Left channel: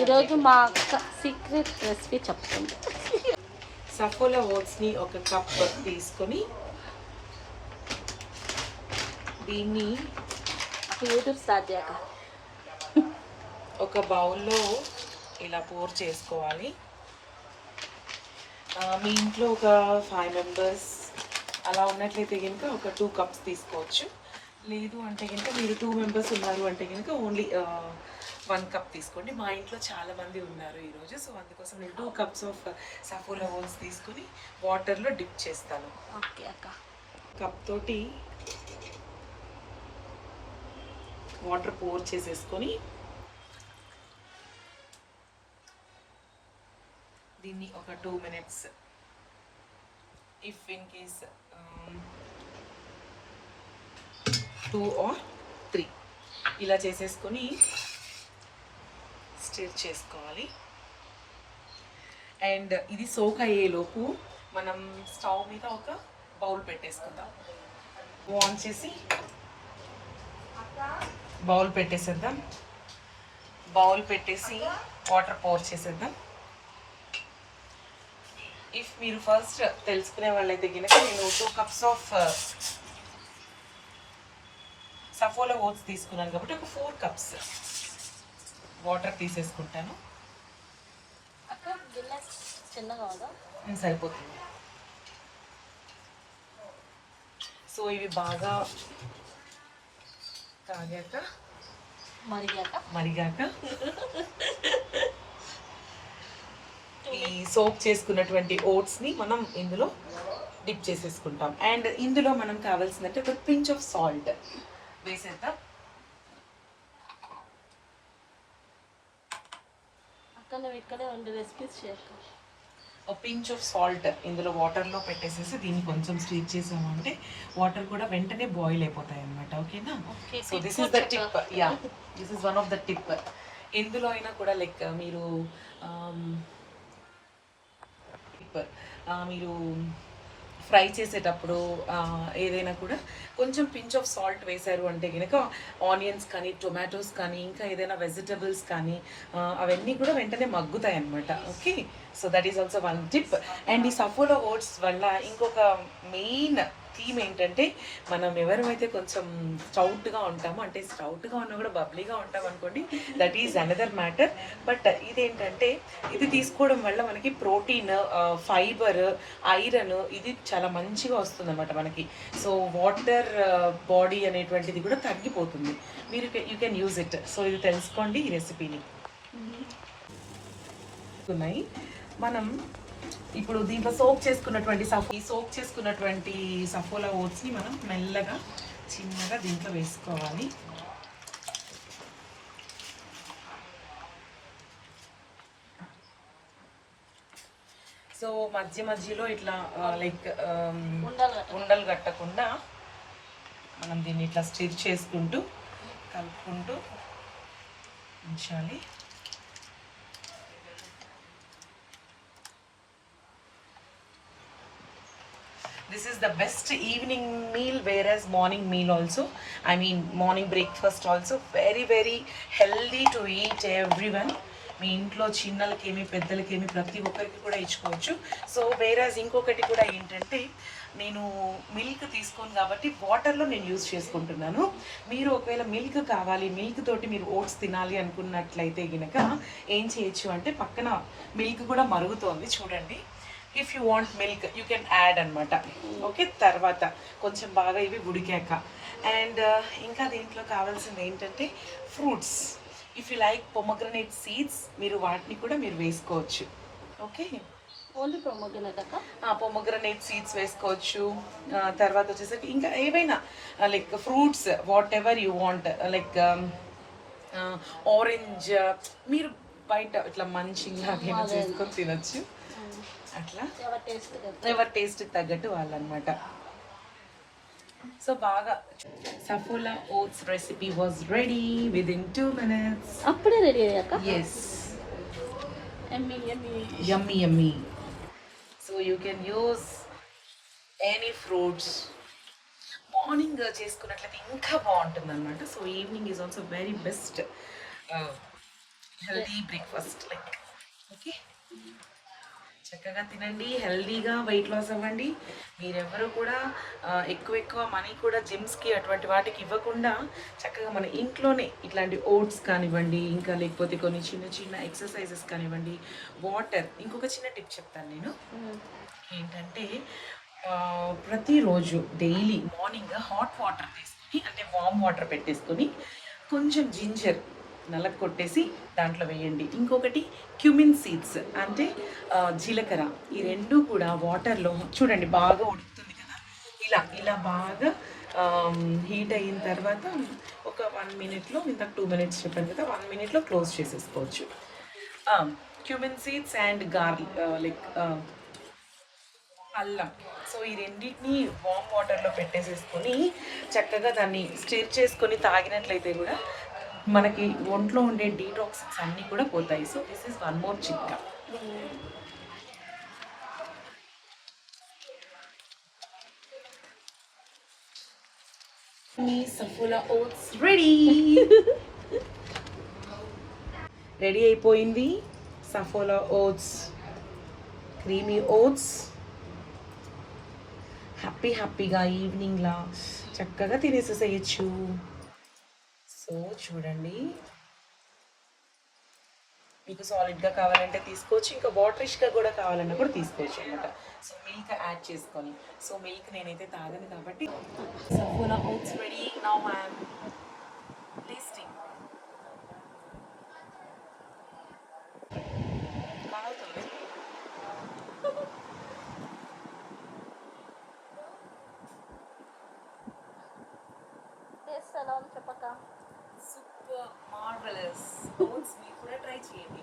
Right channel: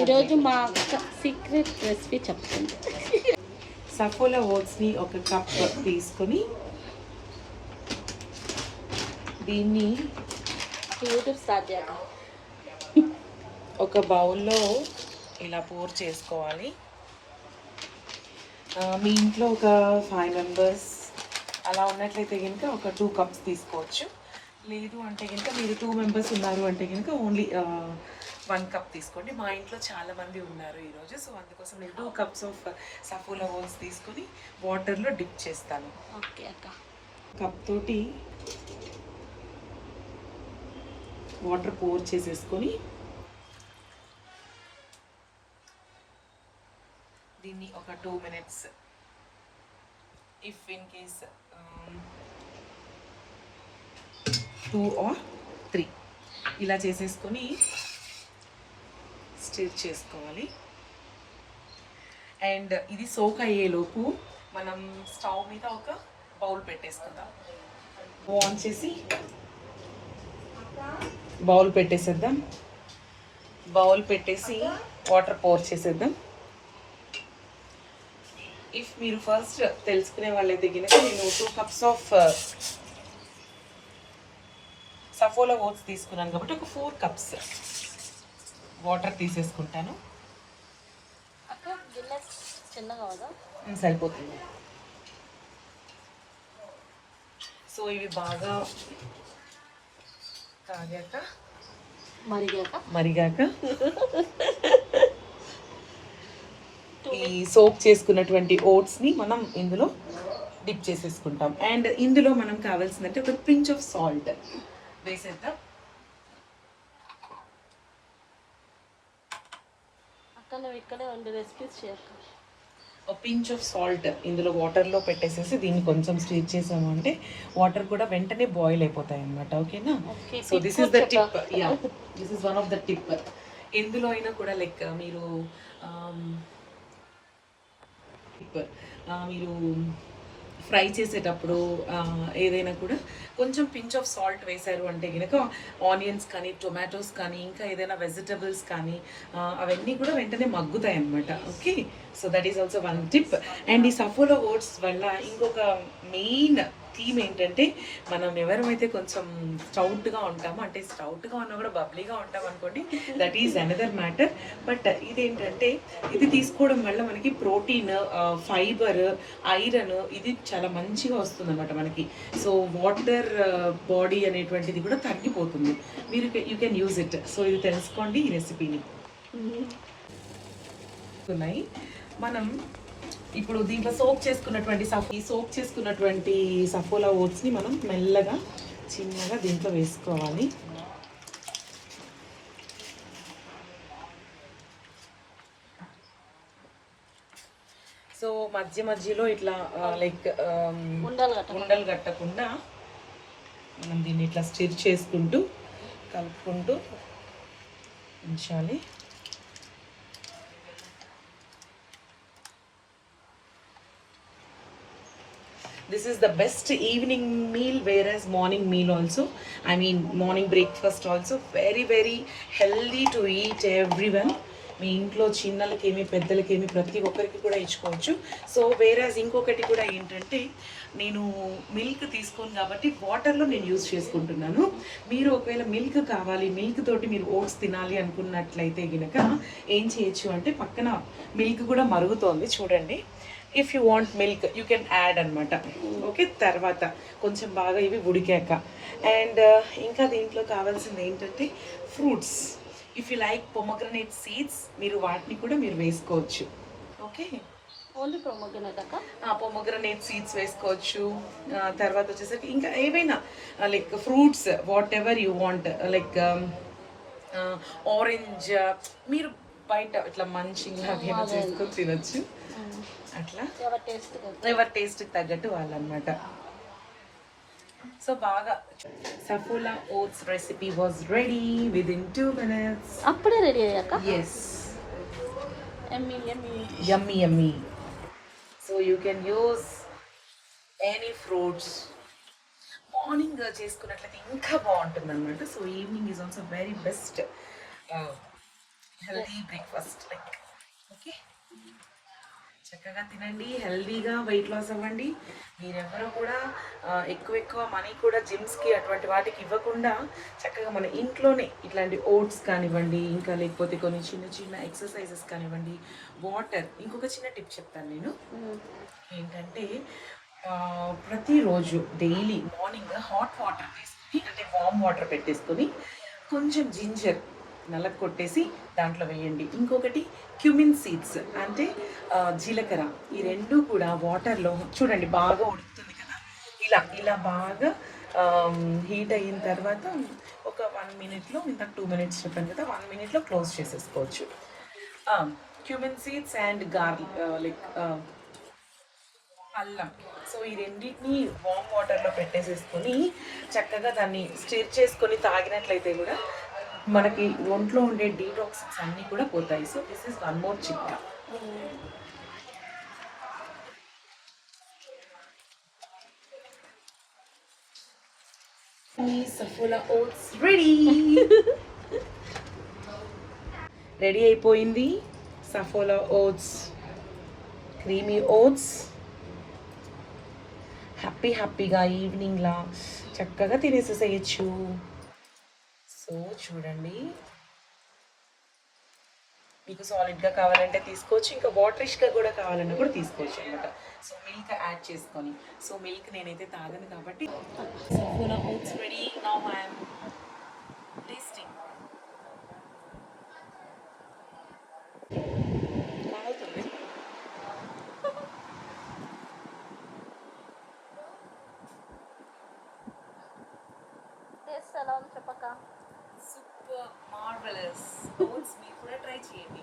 ఈరోజు మా అక్క సీక్రెట్ రెసిపీ చెప్తుంది. సఫోలా ఓట్స్ని ఒక కప్ తీసుకొని దీన్ని యూట్యూబ్ స్టార్ట్ చేయాలి. ఒక బౌల్లో ఇలా పోర్ చేసుకోవాలి. మీ ఇంట్లో ఒక 5 మెంబర్స్ అలా ఉన్నట్లయితే కనుక ఒక 2 కప్స్ తీసుకోవచ్చు. లేదు అంటే కనుక మీరు 2 మెంబర్స్ ఉన్నారు అంటే కనుక ఓన్లీ 1 కప్ తీసుకోండి. మా ఇంట్లో చాలామంది ఉన్నారు ఈరోజు, సో అందుకోసం నేను 2 కప్స్ ఆఫ్ సఫోలా ఓట్స్ తీసుకుని వాటర్లో డిప్ చేస్తాను. ఓకే అక్క. కప్ తోటి వాటర్ పోర్ చేసేసుకొని దీన్ని ఒక 2 minutes if in case 2 or 3 ఇలా చేసేసుకొని స్టిర్ చేసుకోవాలి. అండ్ ఇది సోక్ అయ్యేలోపు మనం స్టవ్ మీద ఒక బౌల్ పెట్టేసుకుందాం. ఆన్ చేసి బౌల్ పెట్టేసేద్దాం. బౌల్ పెట్టేసి వాటర్ పోర్ చేసేద్దాం. ఇఫ్ మీరు ఫస్ట్ తెలుసుకునే వాళ్ళైతే కనుక నేను 2 cups ఆఫ్ సఫోలా ఓట్స్ తీసుకున్నాను కాబట్టి ఒక 4 cups వాటర్ తీసేసుకుంటాను. అక్క గిన్నె చిన్నగా కదా సరిపోతుంది. సో ఇవి బాగా మరిగాక ఈ సోప్ చేసుకున్నటువంటి ఓట్స్ని మనం ఇందులో డిప్ చేసేసుకుంటాం. అండ్ ఇందులో మనం కావాల్సిందంటే ఒక పించ్ ఆఫ్ సాల్ట్ వేసేద్దాం. ఒక పించ్ ఆఫ్ సాల్ట్ ఇందులో వాటర్లో పెట్టేసేసి దీన్ని కొంచెం స్టీర్ చేసాము అంటే వాటర్ కూడా వెంటనే బాయిల్ అయిపోతాయి అన్నమాట. ఓకేనా? So this is the tip. Yeah, this is one of the tip. ఎందులో అయినా కూడా లైక్ మీరు ఫ్రై చేసేటప్పుడు ఏదైనా కూడా కొంచెం పించ్ ఆఫ్ సాల్ట్ వేశారు అంటే కనుక ఆనియన్స్ కానీ టొమాటోస్ కానీ ఇంకా ఏదైనా వెజిటబుల్స్ కానీ అవన్నీ కూడా వెంటనే మగ్గుతాయి అన్నమాట. Okay, so that is also one tip. And ఈ సఫోలా ఓట్స్ వల్ల ఇంకొక మెయిన్ థీమ్ ఏంటంటే మనం ఎవరైతే కొంచెం స్టౌట్గా ఉంటామో, అంటే స్టౌట్గా ఉన్నా కూడా బబ్లీగా ఉంటాం అనుకోండి, that is another matter. But ఇదేంటంటే ఇది తీసుకోవడం వల్ల మనకి ప్రోటీన్, ఫైబర్, ఐరన్ ఇది చాలా మంచిగా వస్తుంది అన్నమాట మనకి. సో వాటర్ బాడీ అనేటువంటిది కూడా తగ్గిపోతుంది. మీరు you can use it. So ఇది తెలుసుకోండి ఈ రెసిపీని. ఉన్నాయి మనం ఇప్పుడు దీంట్లో సోక్ చేసుకున్నటువంటి సఫోలా ఓట్స్ని మనం మెల్లగా చిన్నగా దీంట్లో వేసుకోవాలి. సో మధ్యలో ఇట్లా లైక్ ఉండలు కట్టకుండా మనం దీన్ని ఇట్లా స్టిర్ చేసుకుంటూ కలుపుకుంటూ ఉంచాలి. This is the best evening meal, whereas morning meal also, I mean morning breakfast also very very healthy to eat everyone. మీ ఇంట్లో చిన్నలకేమి పెద్దలకేమి ప్రతి ఒక్కరికి కూడా ఇచ్చుకోవచ్చు. సో వేరాజ్ ఇంకొకటి కూడా ఏంటంటే నేను మిల్క్ తీసుకోను కాబట్టి వాటర్లో నేను యూజ్ చేసుకుంటున్నాను. మీరు ఒకవేళ మిల్క్ కావాలి, మిల్క్ తోటి మీరు ఓట్స్ తినాలి అనుకున్నట్లయితే కనుక ఏం చేయొచ్చు అంటే పక్కన మిల్క్ కూడా మరుగుతోంది చూడండి. If you want milk you can add అనమాట. ఓకే, తర్వాత కొంచెం బాగా ఇవి ఉడికాక. అండ్ ఇంకా దీంట్లో కావాల్సింది ఏంటంటే fruits. If you like pomegranate seeds మీరు వాటిని కూడా మీరు వేసుకోవచ్చు. ఓకే, ఓన్లీ పొమగ్రనేట్ అక్క? పొమగ్రనేట్ సీడ్స్ వేసుకోవచ్చు. తర్వాత వచ్చేసరికి ఇంకా ఏవైనా like fruits what ever you want, like orange మీరు బయట ఇట్లా మంచిగా చేసుకొని తినచ్చు. అట్లా ఎవరి టేస్ట్ తగ్గట్టు వాళ్ళనమాట. సో బాగా Saffola oats recipe was ready within 2 minutes. అప్పుడే రెడీ అయ్యాక? yes, yummy yummy. So you can use any fruits. Morning చేసుకున్నట్లయితే ఇంకా బాగుంటుంది అనమాట. So evening is also very best healthy breakfast like okay. చక్కగా తినండి, హెల్దీగా వెయిట్ లాస్ అవ్వండి. మీరెవరూ కూడా ఎక్కువ ఎక్కువ మనీ కూడా జిమ్స్కి అటువంటి వాటికి ఇవ్వకుండా చక్కగా మన ఇంట్లోనే ఇట్లాంటి ఓట్స్ కానివ్వండి, ఇంకా లేకపోతే కొన్ని చిన్న చిన్న ఎక్సర్సైజెస్ కానివ్వండి, వాటర్. ఇంకొక చిన్న టిప్ చెప్తాను నేను ఏంటంటే ప్రతిరోజు డైలీ మార్నింగ్ హాట్ వాటర్ తీసుకొని అంటే వామ్ వాటర్ పెట్టేసుకొని కొంచెం జింజర్ నల్లగా కొట్టేసి దాంట్లో వేయండి. ఇంకొకటి క్యూమిన్ సీడ్స్ అంటే జీలకర్ర. ఈ రెండు కూడా వాటర్లో చూడండి బాగా ఉడుకుతుంది కదా, ఇలా ఇలా బాగా హీట్ అయిన తర్వాత ఒక 1 మినిట్లో, ఇంతకు 2 మినిట్స్ చెప్పాను కదా, 1 మినిట్లో క్లోజ్ చేసేసుకోవచ్చు. Cumin seeds and garlic like అల్లం. సో ఈ రెండింటిని వామ్ వాటర్లో పెట్టేసేసుకొని చక్కగా దాన్ని స్టిర్ చేసుకొని తాగినట్లయితే కూడా మనకి ఒంట్లో ఉండే డీటాక్సిన్స్ అన్నీ కూడా పోతాయి. So this is one more చిట్కా. మీ సఫోలా ఓట్స్ రెడీ. రెడీ అయిపోయింది సఫోలా ఓట్స్, క్రీమీ ఓట్స్. హ్యాపీగా ఈవినింగ్లా చక్కగా తినేసేసేయచ్చు. సో చూడండి, మీకు సాలిడ్గా కావాలంటే తీసుకోవచ్చు, ఇంకా వాటరిష్గా కూడా కావాలన్నా కూడా తీసుకోవచ్చు అనమాట. సో మిల్క్ యాడ్ చేసుకొని. సో మిల్క్ నేనైతే తాగను కాబట్టి Saffola oats ready. Now I'm tasting. కావుతుంది. టేస్ట్ ఎలా ఉంది చెప్పక. Super marvellous. ఓట్స్ మీరు కూడా ట్రై చేయండి.